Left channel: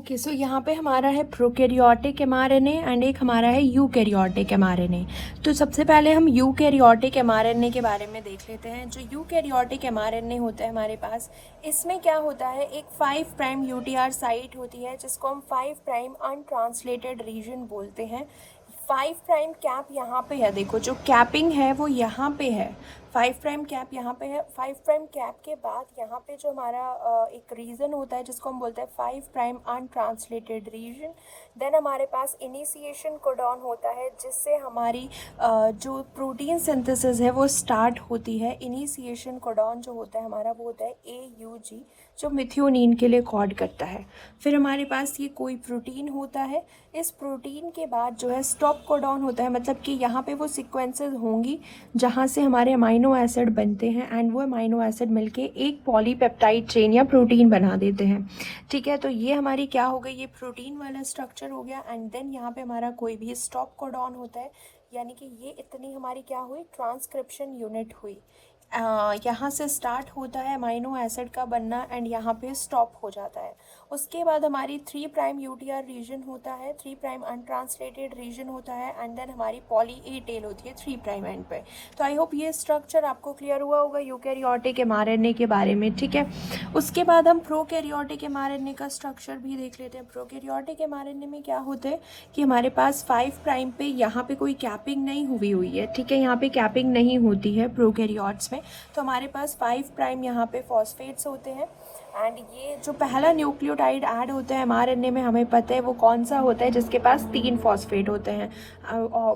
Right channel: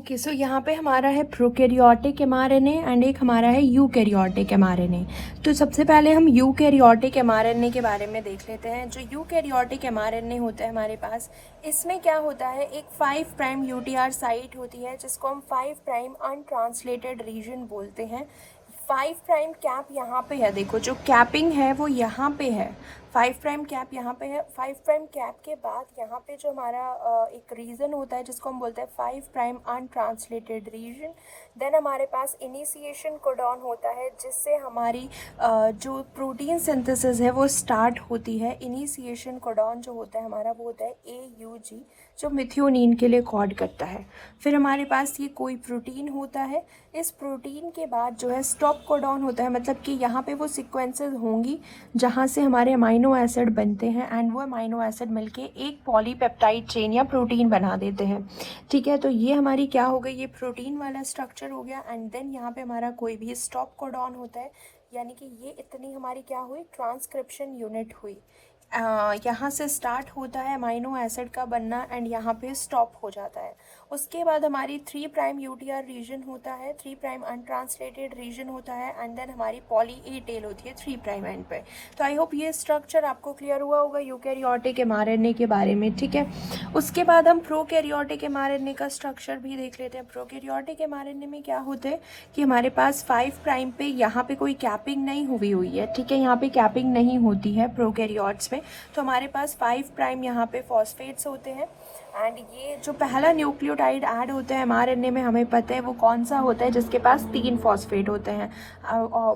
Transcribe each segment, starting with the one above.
Okay, सो यहाँ पे हमारा है प्रोकैरियोटिक एमआरएनए एंड एक हमारा है यूकैरियोटिक एमआरएनए। तो सबसे पहले हम यूकैरियोटिक एमआरएनए के बारे में देख लेते हैं। जो यूकैरियोटिक एमआरएनए होता है हमारे पास, इसमें क्या होता है, एक 5 प्राइम यूटीआर साइट होती है जिसको हम 5 प्राइम अनट्रांसलेटेड रीजन बोलते हैं। 5 प्राइम कैप यहाँ पे है, देखो जो कैपिंग है वो यहाँ पे है, 5 प्राइम कैप यहाँ पे है। 5 प्राइम कैप के बाद यहाँ पे जो हमारा एक रीजन होता है जिसको हम बोलते हैं 5 प्राइम अनट्रांसलेटेड रीजन। देन हमारे पास इनिशिएशन कोडॉन होता है जिससे हमारी जो प्रोटीन सिंथेसिस है वो स्टार्ट होती है। इनिशिएशन कोडॉन जो होता है हमारा वो होता है AUG, जो मिथियोनिन के लिए कोड करता है। फिर हमारे पास ये कोई प्रोटीन होता है, इस प्रोटीन के बाद जो है स्टॉप कोडॉन होता है, मतलब कि यहाँ पे वो सीक्वेंसेस होंगी जहाँ से हमारे अमाइनो एसिड बनते हैं एंड वो अमाइनो एसिड मिलके एक पॉलीपेप्टाइड चेन या प्रोटीन बना देते हैं। ठीक है, तो ये हमारी क्या हो गई, ये प्रोटीन वाला स्ट्रक्चर हो गया। एंड देन यहाँ पे हमारा कोई भी स्टॉप कोडॉन होता है, यानी कि ये इतनी हमारी क्या हुई, ट्रांसक्रिप्शन यूनिट हुई। यहाँ से स्टार्ट होता है अमाइनो एसिड का बनना एंड यहाँ पे स्टॉप हो जाता है। उसके बाद हमारी 3 प्राइम यूटीआर रीजन होता है, 3 प्राइम अनट्रांसलेटेड रीजन होता है एंड देन हमारी पॉली ए टेल होती है 3 प्राइम एंड पे। तो आई होप ये स्ट्रक्चर आपको क्लियर हुआ होगा यूकैरियोटिक एमआरएनए के बारे में। ठीक है, उसके बाद हम प्रोकैरियोटिक एमआरएनए का स्ट्रक्चर भी देख लेते हैं। प्रोकैरियोटिक एमआरएनए में क्या होता है कि हमारे पास 5 प्राइम पे यहाँ पे कोई कैपिंग नहीं हुई है। ठीक है, यहाँ पे कैपिंग नहीं होती है प्रोकैरियोट्स में। तो हमारे पास 5 प्राइम यहाँ पे फॉस्फेट्स होते हैं एंड ये जो पहला न्यूक्लियोटाइड ऐड होता है एमआरएनए में, हमें पता है वो कौन सा होता है, जिसके पास 3 फॉस्फेट होते हैं।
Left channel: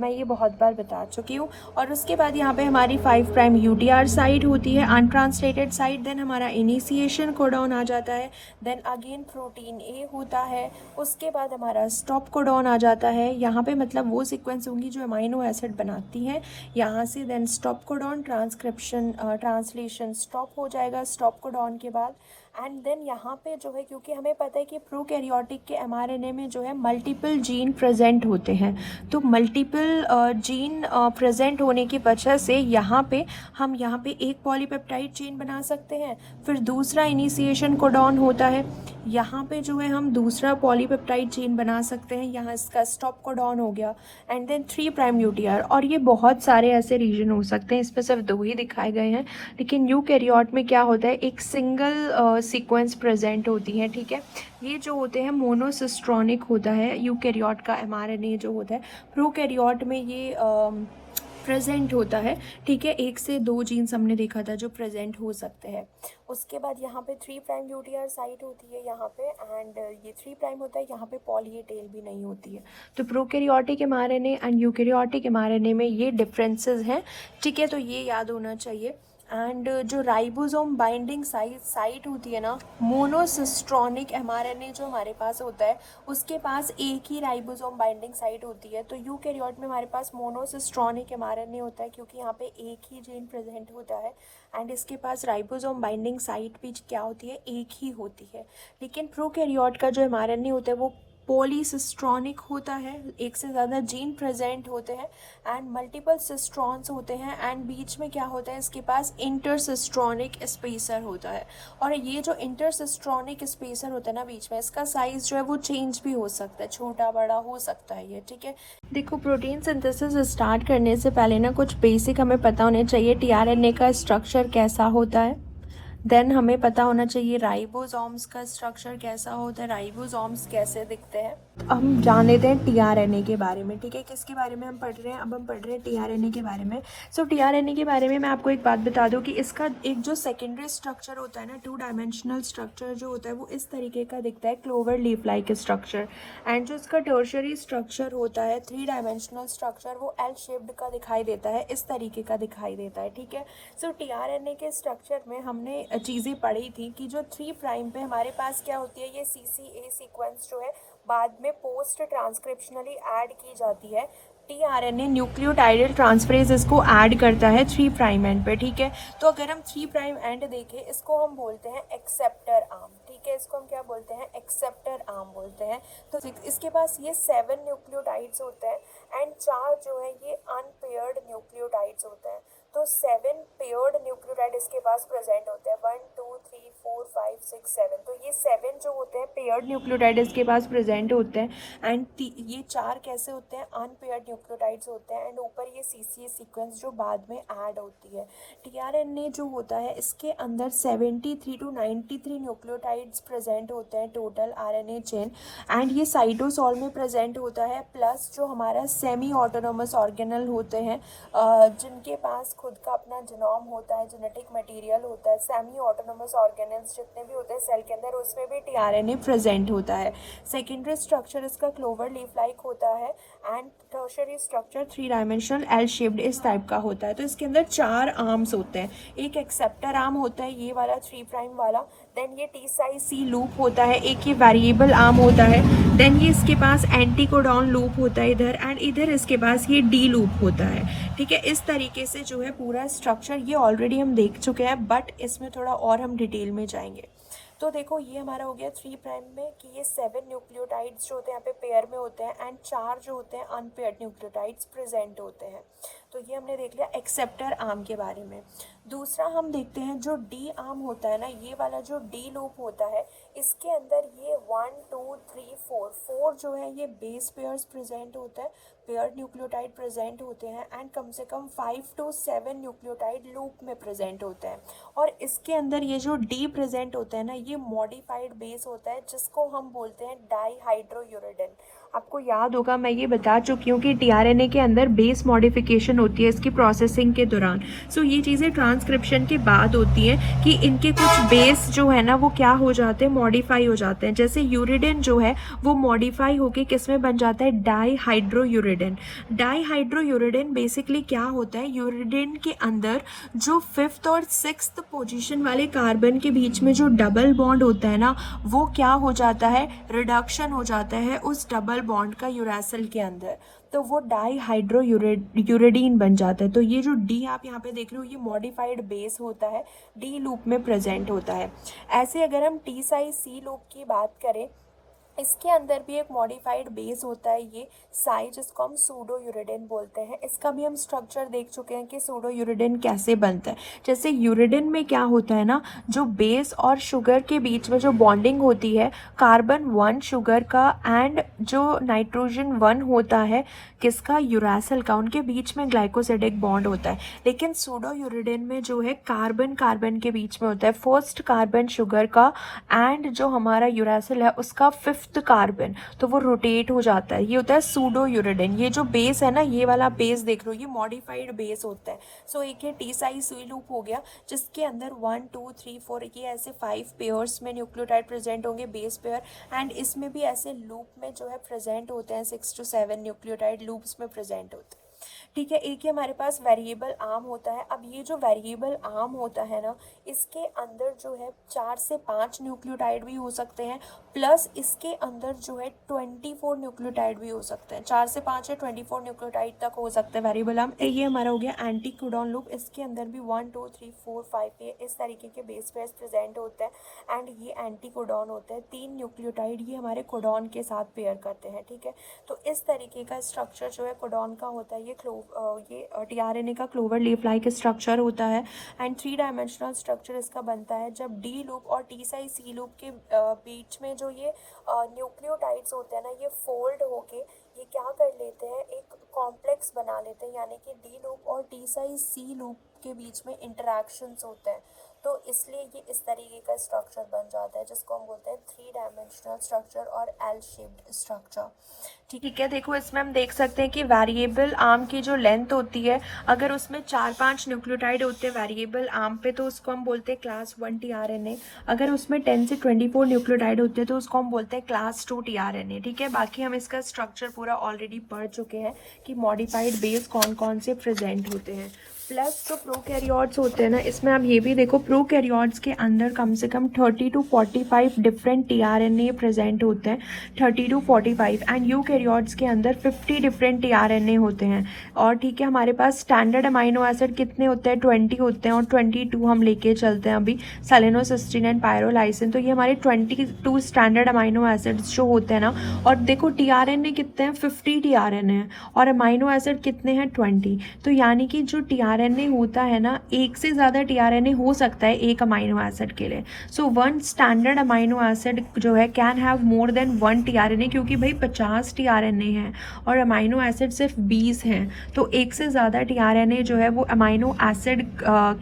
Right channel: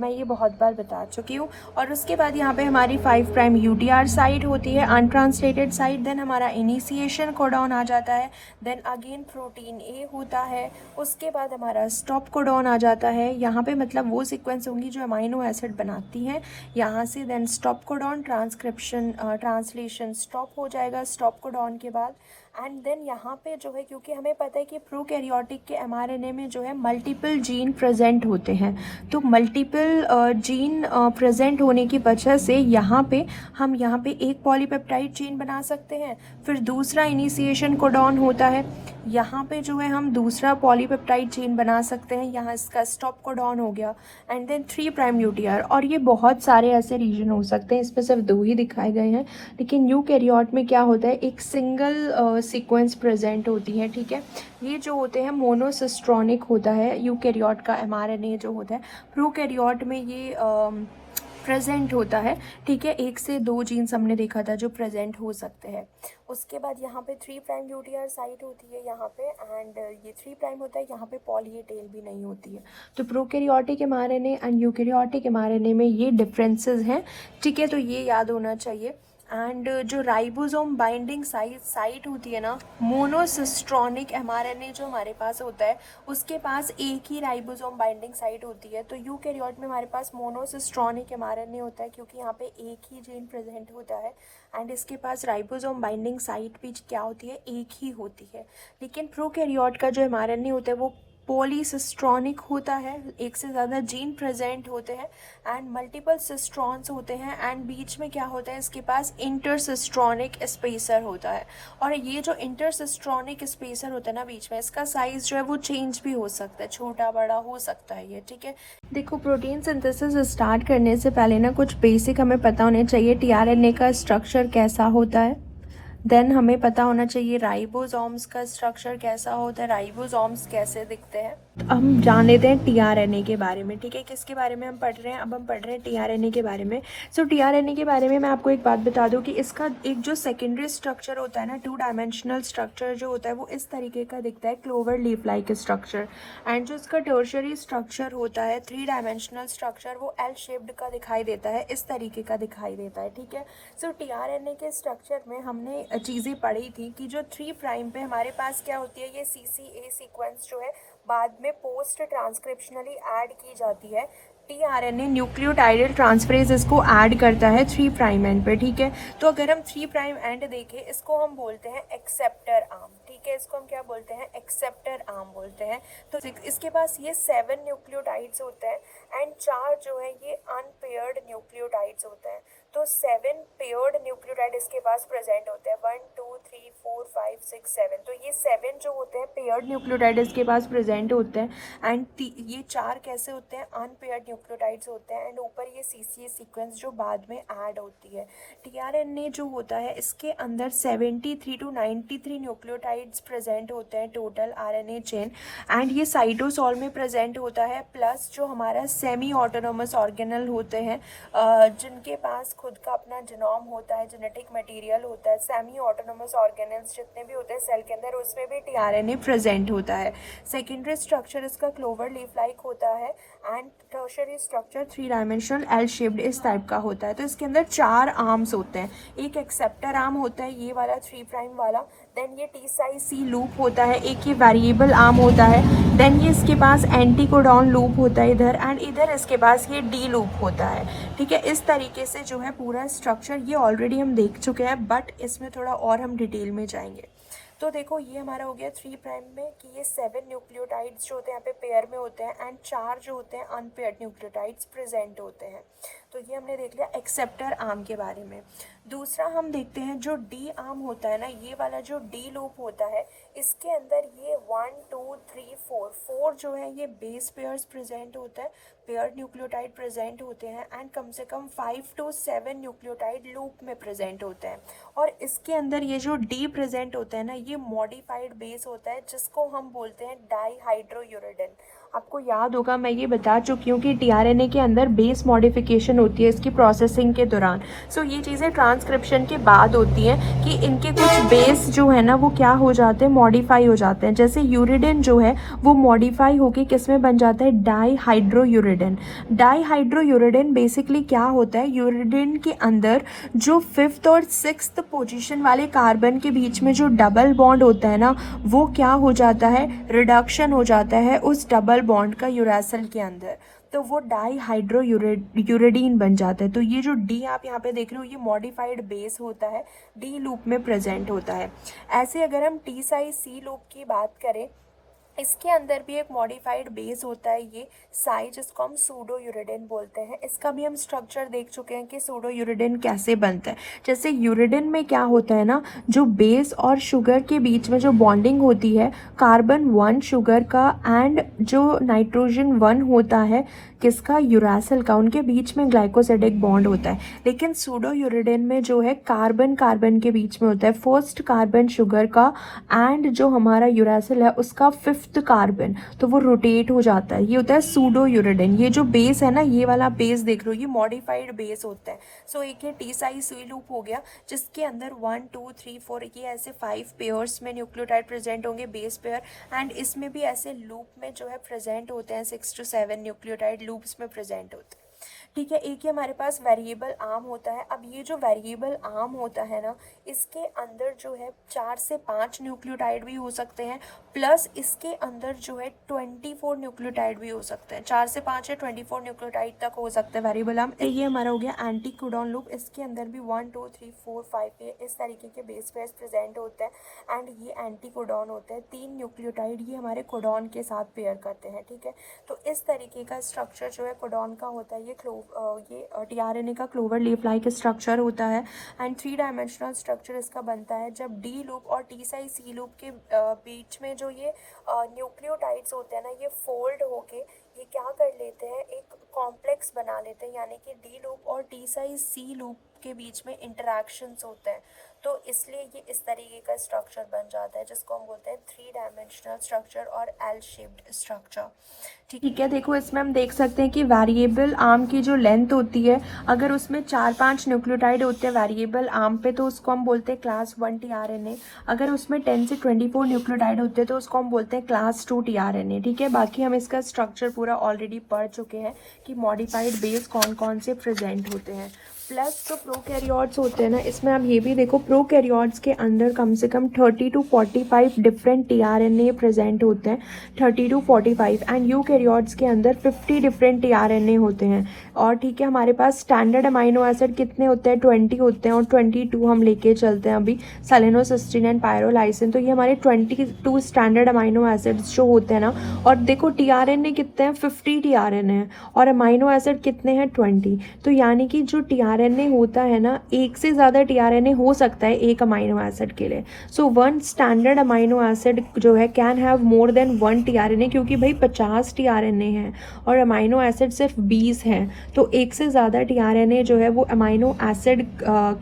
मैं ये बहुत बार बता चुकी हूँ। और उसके बाद यहाँ पे हमारी 5 प्राइम यूटीआर साइट होती है, अनट्रांसलेटेड साइट। देन हमारा इनिशिएशन कोडॉन आ जाता है, देन अगेन प्रोटीन ए होता है, उसके बाद हमारा स्टॉप कोडॉन आ जाता है। यहाँ पे मतलब वो सीक्वेंस होंगी जो अमाइनो एसिड बनाती हैं यहाँ से। Then stop codon, translation stop हो जाएगा स्टॉप कोडॉन के बाद। एंड देन यहाँ पे जो है, क्योंकि हमें पता है कि प्रोकैरियोटिक के एमआरएनए में जो है मल्टीपल जीन प्रेजेंट होते हैं, तो मल्टीपल जीन प्रेजेंट होने की वजह से यहाँ पे हम यहाँ पे एक पॉलीपेप्टाइड चेन बना सकते हैं। फिर दूसरा इनिशिएशन कोडॉन होता है, यहाँ पे जो है हम दूसरा पॉलीपेप्टाइड चेन बना सकते हैं, यहाँ इसका स्टॉप कोडॉन हो गया। एंड देन 3 प्राइम यूटीआर, और ये बहुत सारे ऐसे रीजन हो सकते हैं, इसमें सिर्फ 2 ही दिखाए गए हैं। लेकिन यूकैरियोट में क्या होता है, एक सिंगल सीक्वेंस प्रेजेंट होती है। ठीक है, ये जो होते हैं मोनोसिस्ट्रॉनिक होता है यूकैरियोट का एमआरएनए जो होता है। प्रोकैरियोट में ये प्रेजेंट होता है। ठीक है, 1 से 2 जीन्स हमने देखा था जो प्रेजेंट हो सकते हैं। उसके बाद यहाँ पे 3 प्राइम यूटीआर साइट होती है यहाँ पे, एंड ये 3 प्राइम होता है, यहाँ पे पॉली ए टेल भी नहीं होती है। तो prokaryotic mRNA and eukaryotic mRNA में ये डिफरेंसेस हैं। ठीक है, तो ये याद होना चाहिए। एंड जो राइबोसोम बाइंडिंग साइट होती है ना, मोनोसिस्ट्रॉनिक एमआरएनए जो हमारे पास होता है उसके पास एक ही राइबोसोम बाइंडिंग साइट होती है। तो यूकैरियोट में हमारे पास मोनोसिस्ट्रॉनिक एमआरएनए होता है क्योंकि यहाँ पे एक ही जीन प्रेजेंट होता है एंड इसके पास राइबोसोम बाइंडिंग साइट भी क्या होती है, एक ही होती है। लेकिन प्रोकैरियोट का जो एमआरएनए होता है वो पॉलीसिस्ट्रॉनिक होता है, एक से ज़्यादा जीन प्रेजेंट होते हैं एंड मल्टीपल सिस्ट्रॉन्स होते हैं एंड बीच में क्या होता है, इसके पास इंटरसिस्ट्रॉनिक स्पेसर होता है। और ये जो इंटरसिस्ट्रॉनिक स्पेसर होता है ना बीच में, इसका साइज़ जो है वो चेंज भी हो सकता है, छोटा बड़ा हो सकता है ये। ठीक है, देखो प्रोटीन सिंथेसिस स्टार्ट करने से पहले ना कुछ बेसिक हमें पता होने चाहिए। टीआरएनए का स्ट्रक्चर कैसा होता है, देन हमें पता होना चाहिए राइबोसोम्स का स्ट्रक्चर कैसा होता है, राइबोसोम्स कैसे दिखते हैं। हम जान लेते हैं टीआरएनए के बारे में। ठीक है, किसके बारे में हम पढ़ रहे हैं, अब हम पढ़ रहे हैं टीआरएनए के बारे में। सो टीआरएनए के बारे में मैं आपको एक बात बता दूं कि इसका एक जो सेकेंडरी स्ट्रक्चर होता है ना, 2 डायमेंशनल स्ट्रक्चर जो होता है वो इस तरीके का दिखता है, clover leaf like structure. And जो इसका टर्शियरी स्ट्रक्चर होता है, 3 डायमेंशनल स्ट्रक्चर, वो एल शेप्ड का दिखाई देता है, इस तरीके का दिखाई देता है। ठीक है, सो टीआरएनए के स्ट्रक्चर में हमने चीज़ें पढ़ी थी कि जो 3 प्राइम पे हमारे पास क्या होती है, ये CCA सीक्वेंस जो है बाद में पोस्ट ट्रांसक्रिप्शनली ऐड की जाती है। टीआरएनए न्यूक्लियोटाइडल ट्रांसफरेज इसको ऐड करता है 3 प्राइम एंड पे। ठीक है, तो अगर हम 3 प्राइम एंड देखें, इसको हम बोलते हैं एक्सेप्टर आर्म। ठीक है, इसको हम क्या बोलते हैं, एक्सेप्टर आर्म बोलते हैं। तो इसके पास ये 7 न्यूक्लियोटाइड्स होते हैं एंड 4 जो है ये अनपेयर्ड न्यूक्लियोटाइड्स होते हैं। तो तो 7 पेयर्ड न्यूक्लियोटाइड इसके पास प्रेजेंट होते हैं, 1 2 3 4 5 6 7। तो ये 7 जो होते हैं पेयर्ड न्यूक्लियोटाइड इसके पास प्रेजेंट होते हैं। एंड ये 4 कैसे होते हैं, अनपेयर्ड न्यूक्लियोटाइड्स होते हैं। एंड ऊपर ये CCA सीक्वेंस जो बाद में ऐड होती है। tRNA जो होता है इसके अंदर 73 to 93 न्यूक्लियोटाइड्स प्रेजेंट होते हैं टोटल RNA चेन। एंड ये साइटोसॉल में प्रेजेंट होता है, प्लस जो हमारा सेमी ऑटोनोमस ऑर्गेनल होते हैं जिनके पास खुद का अपना जीनोम होता है, जेनेटिक मटेरियल होता है। सेमी ऑटोनोमस ऑर्गेनल्स जितने भी होते हैं सेल के अंदर उसमें भी tRNA प्रेजेंट होता है। सेकेंडरी स्ट्रक्चर इसका क्लोवर लीफ लाइक होता है। And tertiary structure 3 dimensional L shaped इस टाइप का होता है। तो इसके अंदर 4 आर्म्स होते हैं। एक एक्सेप्टर आर्म होता है ये वाला 3 प्राइम वाला, देन ये टी साइज सी लूप होता है, एक ये वेरिएबल आर्म होता है, देन ये इसके पास एंटी कोडॉन लूप होता है इधर, एंड इधर इसके पास ये डी लूप होता है। ठीक है, इस तरीके से जो है पूरा स्ट्रक्चर ये ऑलरेडी हम देख चुके हैं, बट इसमें थोड़ा और हम डिटेल में जाएंगे। तो देखो ये हमारा हो गया 3 प्राइम में कि ये 7 न्यूक्लियोटाइड्स जो होते हैं यहाँ पे पेयर में होते हैं, एंड 4 जो होते हैं अनपेयर्ड न्यूक्लियोटाइड्स प्रेजेंट होते हैं। तो ये हमने देख लिया एक्सेप्टर आर्म के बारे में। दूसरा हम देखते हैं जो डी आर्म होता है ना, ये वाला जो डी लूप होता है इसके अंदर ये 1 2 3 4 जो है ये बेस पेयर्स प्रेजेंट होता है, पेयर्ड न्यूक्लियोटाइड प्रेजेंट होते हैं। एंड कम से कम 5 to 7 न्यूक्लियोटाइड लूप में प्रेजेंट होते हैं। और इसके अंदर ये जो डी प्रेजेंट होता है ना, ये मॉडिफाइड बेस होता है जिसको हम बोलते हैं डाईहाइड्रोयूरिडिन। आपको याद होगा मैं ये बता चुकी हूँ कि tRNA के अंदर बेस मॉडिफिकेशन होती है इसकी प्रोसेसिंग के दौरान। सो ये चीज़ें ट्रांसक्रिप्शन के बाद होती हैं कि इनके कुछ बेस जो है ना वो क्या हो जाते हैं, मॉडिफाई हो जाते हैं। जैसे यूरिडिन जो है वो मॉडिफाई होके किस में बन जाता है, डाईहाइड्रोयूरिडिन। डाईहाइड्रोयूरिडिन बेसिकली क्या होता है, यूरिडिन के अंदर जो 5th और 6th पोजीशन वाले कार्बन के बीच में जो डबल बॉन्ड होता है ना, वो क्या हो जाता है, रिडक्शन हो जाता है उस डबल बॉन्ड का यूरेसिल के अंदर, तो वो डाईहाइड्रोयूरिडीन बन जाता है। तो ये जो डी आप यहाँ पे देख रहे हो ये मॉडिफाइड बेस होता है, डी लूप में प्रेजेंट होता है। ऐसे अगर हम टी साइज सी लूप की बात करें, इसके अंदर भी एक मॉडिफाइड बेस होता है ये साई, जिसको हम सूडो यूरिडिन बोलते हैं। इसका भी हम स्ट्रक्चर देख चुके हैं कि सूडो यूरिडिन कैसे बनता है। जैसे यूरिडिन में क्या होता है ना, जो बेस और शुगर के बीच में जो बॉन्डिंग होती है कार्बन 1 शुगर का एंड जो नाइट्रोजन 1 होता है किसका, यूरासिल का, उनके बीच में ग्लाइकोसिडिक बॉन्ड होता है। लेकिन सूडो यूरिडिन में जो है कार्बन कार्बन के बीच में होता है, फर्स्ट कार्बन शुगर का एंड जो हमारा यूरासिल है उसका 5th कार्बन, तो वो रोटेट हो जाता है। ये होता है सूडो यूरिडिन। ये जो बेस है ना, ये वाला बेस देख लो, ये मॉडिफाइड बेस होता है। सो एक ये टी साइज सी लूप हो गया जिसके अंदर 1 2 3 4 ये ऐसे 5 पेयर्स में न्यूक्लियोटाइड प्रेजेंट होंगे, बेस पेयर। एंड इसमें भी ऐसे लूप में जो है प्रेजेंट होते हैं 6 to 7 न्यूक्लियोटाइड लूप्स में प्रेजेंट होते हैं। ठीक है, एक ही हमारे पास वेरिएबल आर्म होता है। अब ये जो वेरिएबल आर्म होता है ना, इसके अंदर जो है 4 से 5 न्यूक्लियोटाइड भी हो सकते हैं, प्लस इसके अंदर जो है 24 न्यूक्लियोटाइड भी हो सकते हैं। 4 से 5 या 24 न्यूक्लियोटाइड तक हो सकते हैं वेरिएबल आर्म। ये हमारा हो गया एंटी कोडॉन लूप। इसके अंदर भी 1 2 3 4 5 ये इस तरीके के बेस पेयर्स प्रेजेंट होते हैं एंड ये एंटी कोडॉन होते हैं। 3 न्यूक्लियोटाइड ये हमारे कोडॉन के साथ पेयर करते हैं। ठीक है, तो इस तरीके का स्ट्रक्चर जो है कोडॉन का होता है। ये tRNA का क्लोवर लीफ लाइक स्ट्रक्चर होता है एंड 3 डायमेंशनल स्ट्रक्चर इसका बनता है जब डी लूप और टी साइज सी लूप के बीच में जो ये न्यूक्लियोटाइड्स होते हैं ना, ये फोल्ड होके ये क्या कर लेते हैं, एक कॉम्प्लेक्स बना लेते हैं, यानी कि डी लूप और टी साइज सी लूप के बीच में इंटरेक्शंस होते हैं। तो इसलिए ये इस तरीके का स्ट्रक्चर बन जाता है जिसको हम बोलते हैं 3 डायमेंशनल स्ट्रक्चर और एल शेप्ड स्ट्रक्चर। ठीक है, देखो इसमें हम देख सकते हैं कि वेरिएबल आर्म की जो लेंथ होती है, अगर उसमें 4-5 न्यूक्लियोटाइड होते हैं वेरिएबल आर्म पे तो उसको हम बोलते हैं क्लास 1 tRNA। अगर उसमें 10 से 24 न्यूक्लियोटाइड होते हैं तो उसको हम बोलते हैं क्लास 2 tRNA। ठीक है, बाकी हम इसका स्ट्रक्चर पूरा ऑलरेडी पढ़ चुके हैं कि मॉडिफाइड बेस कौन कौन से प्रेजेंट होते हैं। प्लस जो प्रोकैरियोट्स होते हैं ना, इसमें आप ये भी देखो प्रोकैरियोट्स के अंदर कम से कम 30 to 45 डिफरेंट tRNA प्रेजेंट होते हैं, 30 to 45। एंड यूकैरियोट्स के अंदर 50 डिफरेंट tRNA होते हैं। और ठीक है, हमारे पास स्टैंडर्ड अमाइनो एसिड कितने होते हैं, 20 होते हैं, और 22 हम लेके चलते हैं अभी, सेलेनोसिस्टीन एंड पायरोलाइसिन। तो ये हमारे 22 स्टैंडर्ड अमाइनो एसिड्स जो होते हैं ना। और देखो tRNA कितने हैं, 50 tRNA है, और अमाइनो एसिड कितने हैं, 20। तो यानी कि जो tRNA टीआरएनए होता है ना, एक से ज़्यादा टीआरएनए हो सकता है एक अमाइनो एसिड के लिए। So one standard amino acid जो है can have more than one tRNA, क्योंकि भाई 50 टीआरएनए हैं और अमाइनो एसिड सिर्फ 20 हैं, तो एक से ज़्यादा टीआरएनए जो है वो अमाइनो एसिड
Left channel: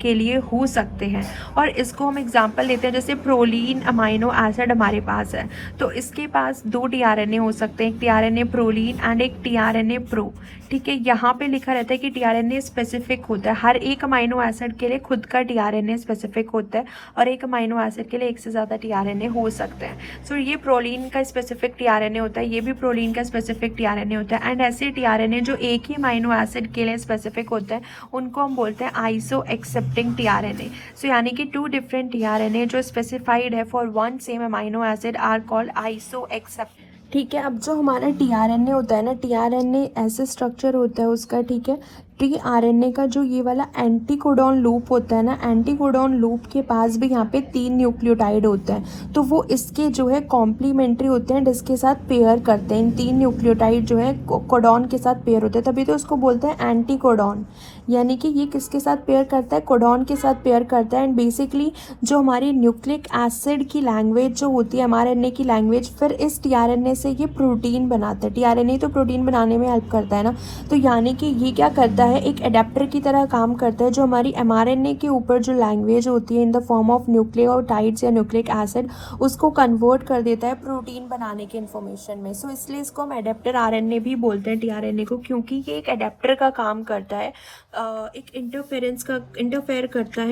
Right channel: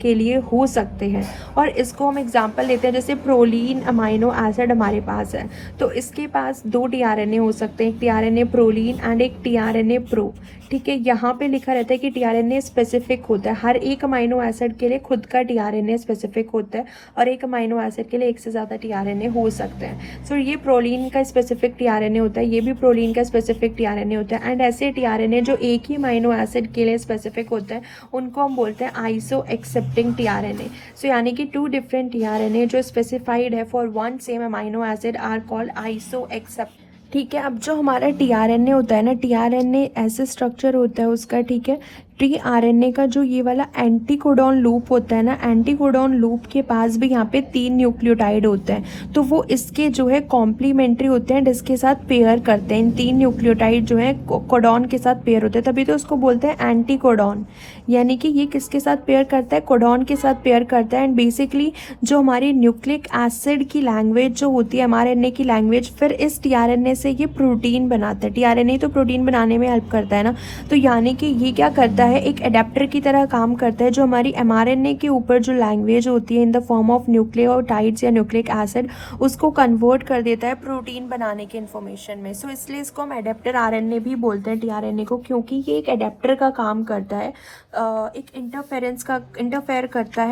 के लिए हो सकते हैं। और इसको हम एग्जांपल लेते हैं, जैसे प्रोलीन अमाइनो एसिड हमारे पास है, तो इसके पास 2 टीआरएनए हो सकते हैं, एक टीआरएनए प्रोलीन एंड एक टीआरएनए प्रो। ठीक है, यहाँ पे लिखा रहता है कि टीआरएनए स्पेसिफिक होता है, हर एक अमाइनो एसिड के लिए खुद का टीआरएनए स्पेसिफिक होता है, और एक अमाइनो एसिड के लिए एक से ज़्यादा टीआरएनए हो सकते हैं। सो ये प्रोलीन का स्पेसिफिक टीआरएनए होता है, ये भी प्रोलीन का स्पेसिफिक टीआरएनए होता है। एंड ऐसे टीआरएनए जो एक ही अमाइनो एसिड के लिए स्पेसिफिक होता है उनको हम बोलते हैं आइसो एक्सेप्टिंग टीआरएनए। सो यानी कि 2 डिफरेंट टीआरएनए जो स्पेसिफाइड है for one same amino acid are called iso accept. ठीक है, अब जो हमारा टीआरएनए होता है ना, टीआरएनए ऐसे स्ट्रक्चर होता है उसका, ठीक है, टीआरएनए का जो ये वाला एंटीकोडॉन लूप होता है ना, एंटीकोडॉन लूप के पास भी यहाँ पे 3 न्यूक्लियोटाइड होते हैं, तो वो इसके जो है कॉम्प्लीमेंट्री होते हैं, जिसके साथ पेयर करते हैं। इन 3 न्यूक्लियोटाइड जो है कोडॉन के साथ पेयर होते हैं, तभी तो उसको बोलते हैं एंटीकोडॉन। यानी कि ये किसके साथ पेयर करता है, कोडॉन के साथ पेयर करता है। एंड बेसिकली जो हमारी न्यूक्लिक एसिड की लैंग्वेज जो होती है एमआरएनए की लैंग्वेज, फिर इस टीआरएनए से ये प्रोटीन बनाता है। टीआरएनए तो प्रोटीन बनाने में हेल्प करता है ना, तो यानी कि ये क्या करता है, एक एडेप्टर की तरह काम करता है, जो हमारी एमआरएनए के ऊपर जो लैंग्वेज होती है in the form of nucleotides या न्यूक्लिक एसिड, उसको कन्वर्ट कर देता है प्रोटीन बनाने के इन्फॉर्मेशन में। सो इसलिए इसको हम एडेप्टर आरएनए भी बोलते हैं टीआरएनए को, क्योंकि ये एक एडेप्टर का काम करता है, एक इंटरफेयर करता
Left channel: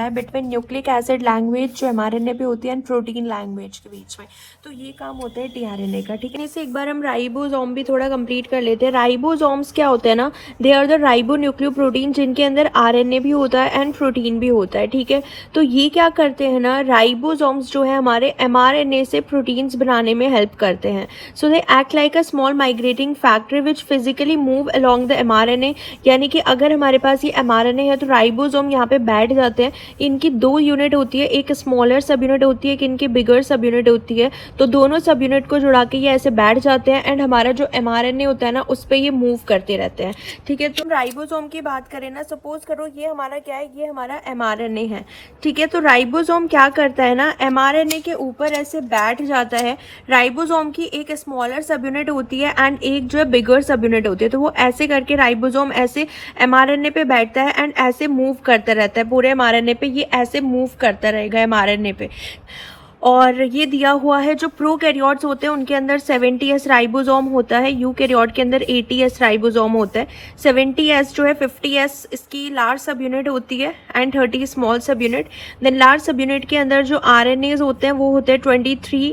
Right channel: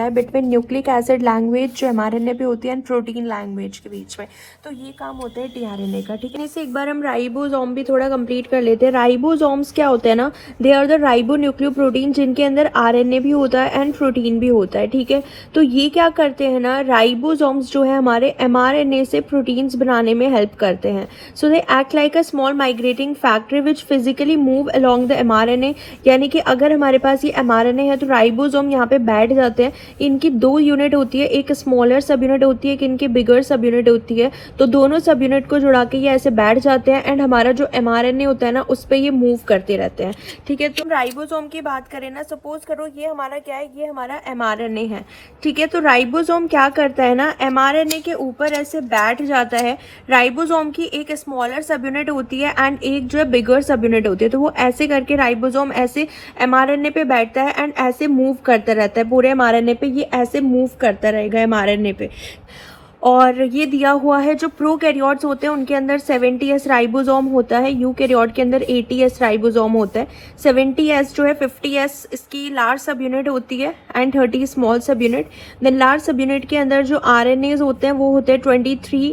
है बिटवीन न्यूक्लिक एसिड लैंग्वेज जो एमआरएनए पे होती है एंड प्रोटीन लैंग्वेज के बीच में। तो ये काम होता है टीआरएनए का। ठीक है, जैसे एक बार हम राइबोसोम भी थोड़ा कंप्लीट कर लेते हैं। राइबोसोम्स क्या होते हैं ना, दे आर द राइबोन्यूक्लियोप्रोटीन, जिनके अंदर आरएनए भी होता है एंड प्रोटीन भी होता है। ठीक है, तो ये क्या करते हैं ना, राइबोसोम्स जो है हमारे एमआरएनए से प्रोटीन्स बनाने में हेल्प करते हैं। So they act like a small migrating factor which physically move along the mRNA. यानी कि अगर हमारे पास ये एमआरएनए है तो राइबोसोम यहाँ पे बैठ जाते हैं। इनकी 2 यूनिट होती है, एक स्मॉलर सब यूनिट होती है, एक इनकी बिगर सब यूनिट होती है, तो दोनों सब यूनिट को जुड़ा के ये ऐसे बैठ जाते हैं एंड हमारा जो एमआरएनए होता है ना उस पर ये मूव करते रहते हैं। ठीक है, तो राइबोसोम की बात करें ना, सपोज करो ये हमारा क्या है, ये हमारा एमआरएनए है। ठीक है, तो राइबोसोम क्या करता है ना, एमआरएनए के ऊपर ऐसे बैठ जाता है। राइबोसोम की एक स्मॉलर सब यूनिट होती है एंड एक जो है बिगर सब यूनिट होती है, तो वो ऐसे करके राइबोसोम ऐसे एमआरएनए पे बैठता है एंड ऐसे मूव करता रहता है पूरे एमआरएनए पे, ये ऐसे मूव करता रहेगा एमआरएनए पे। और ये दिया हुआ है जो प्रोकैरियोट्स होते हैं उनके अंदर 70S राइबोसोम होता है, यूकैरियोट के अंदर 80S राइबोसोम होता है। 70S जो है 50S इसकी लार्ज सब यूनिट होती है and 30 small sub unit. Then large sub unit के अंदर जो RNAs होते हैं वो होते हैं 23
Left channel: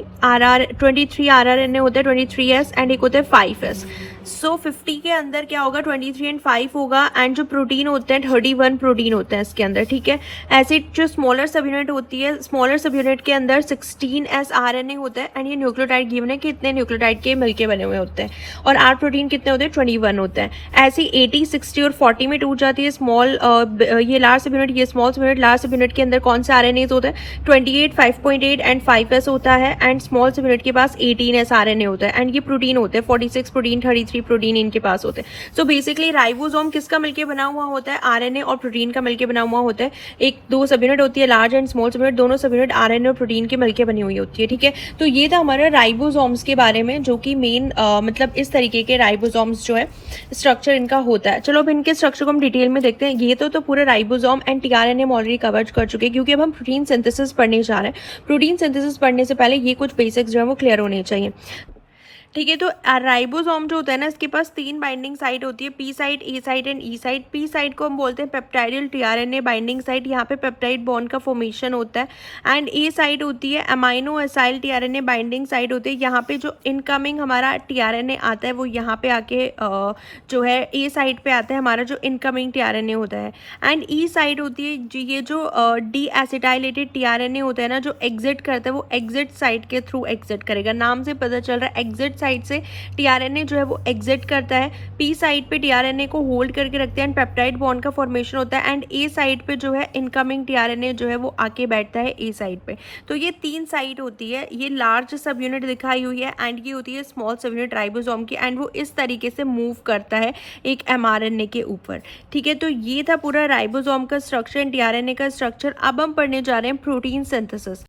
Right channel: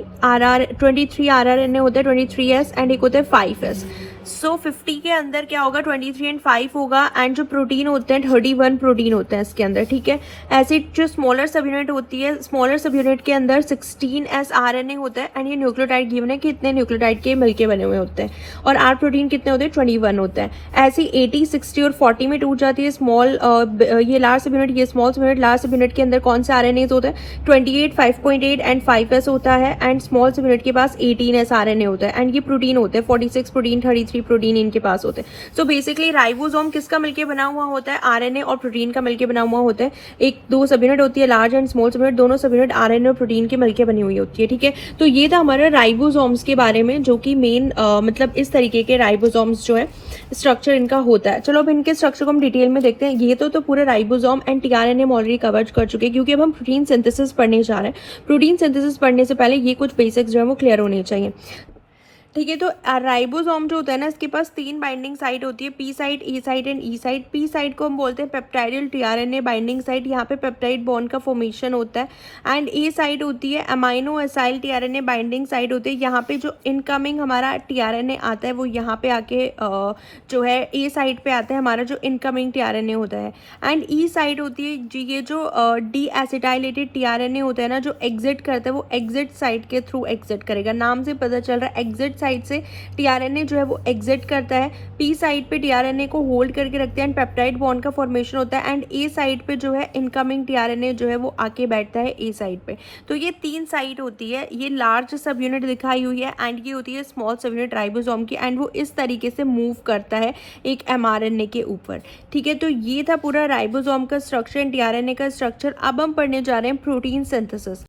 RRNA होते हैं 23S एंड एक होते हैं 5S। सो 50 के अंदर क्या होगा, 23 एंड 5 होगा एंड जो प्रोटीन होते हैं 31 प्रोटीन होते हैं इसके अंदर। ठीक है, ऐसे जो स्मॉलर सब यूनिट होती है, स्मॉलर सब यूनिट के अंदर 16S RNA होता है एंड ये न्यूक्लियोटाइड गिवन है कि इतने न्यूक्लियोटाइड के मिलके बने हुए होते हैं, और R प्रोटीन कितने होते हैं, 21 होते हैं। ऐसे 80, 60 और 40 में टूट जाती है स्मॉल ये लार्ज सब यूनिट, ये small sub unit. Large sub unit के अंदर कौन से RNAs होते हैं, 28, 5.8 एंड 5S होता है एंड स्मॉल सब यूनिट के पास 18S RNA होता है एंड ये प्रोटीन होते हैं 46 प्रोटीन, 33 प्रोटीन इनके पास होते हैं। सो बेसिकली राइबोसोम किसका मिलके बना हुआ होता है, आरएनए और प्रोटीन का मिलके बना हुआ होता है। एक 2 सब यूनिट होती है, large and small sub unit, दोनों सब यूनिट आरएनए और प्रोटीन के मिलके बनी हुई होती है। ठीक है, तो ये था हमारा राइबोसोम्स के बारे में, जो कि मेन मतलब इस तरीके के राइबोसोम्स जो है स्ट्रक्चर इनका होता है। चलो अब इनके स्ट्रक्चर को हम डिटेल में देखते हैं। ये तो पूरे राइबोसोम एंड टीआरएनए हम ऑलरेडी कवर कर चुके हैं, क्योंकि अब हम प्रोटीन सिंथेसिस पढ़ने जा रहे हैं। प्रोटीन सिंथेसिस पढ़ने से पहले ये कुछ बेसिक्स जो है वो क्लियर होने चाहिए। ठीक है, तो राइबोसोम जो होता है ना, इसके पास 3 बाइंडिंग साइट होती है, P site, E site and E site. P site को हम बोलते हैं पेप्टाइडल टीआरएनए बाइंडिंग साइट, यहाँ पे पेप्टाइड बॉन्ड का फॉर्मेशन होता है। एंड ए साइट होती है amino acyl tRNA binding site होती है, यहाँ पे जो इनकमिंग हमारा टीआरएनए आता है वो यहाँ पे आके जो है ए साइट पे आता है हमारा जो इनकमिंग टीआरएनए होता है। एंड ई साइट होती है ये जो डी एसिटाइलेटेड टीआरएनए होता है ना, जो एग्जिट करता है वो एग्जिट साइट के थ्रू एग्जिट करेगा। नाम से पता चल रहा है एग्जिट साइड से टीआरएनए जो है वो एग्जिट करता है, पी साइड पे टीआरएनए को होल्ड करके रखते हैं एंड पेप्टाइड बॉन्ड का फॉर्मेशन होता है, एंड ए साइड पे जो है इनकमिंग टीआरएनए जो है वो आके बैठता है ए साइड पे। तो ये 3 साइड होती है, ये लार्ज सब यूनिट दिखाई हुई है एंड ये होती है स्मॉल सब यूनिट राइबोसोम की, एंड वो इस तरीके से मूव करता है एक एमआरएनए के ऊपर। ठीक है, तो ये था पूरा राइबोसोम का स्ट्रक्चर एंड टीआरएनए का स्ट्रक्चर। अब हम पढ़ने जा रहे हैं प्रोटीन सिंथेसिस।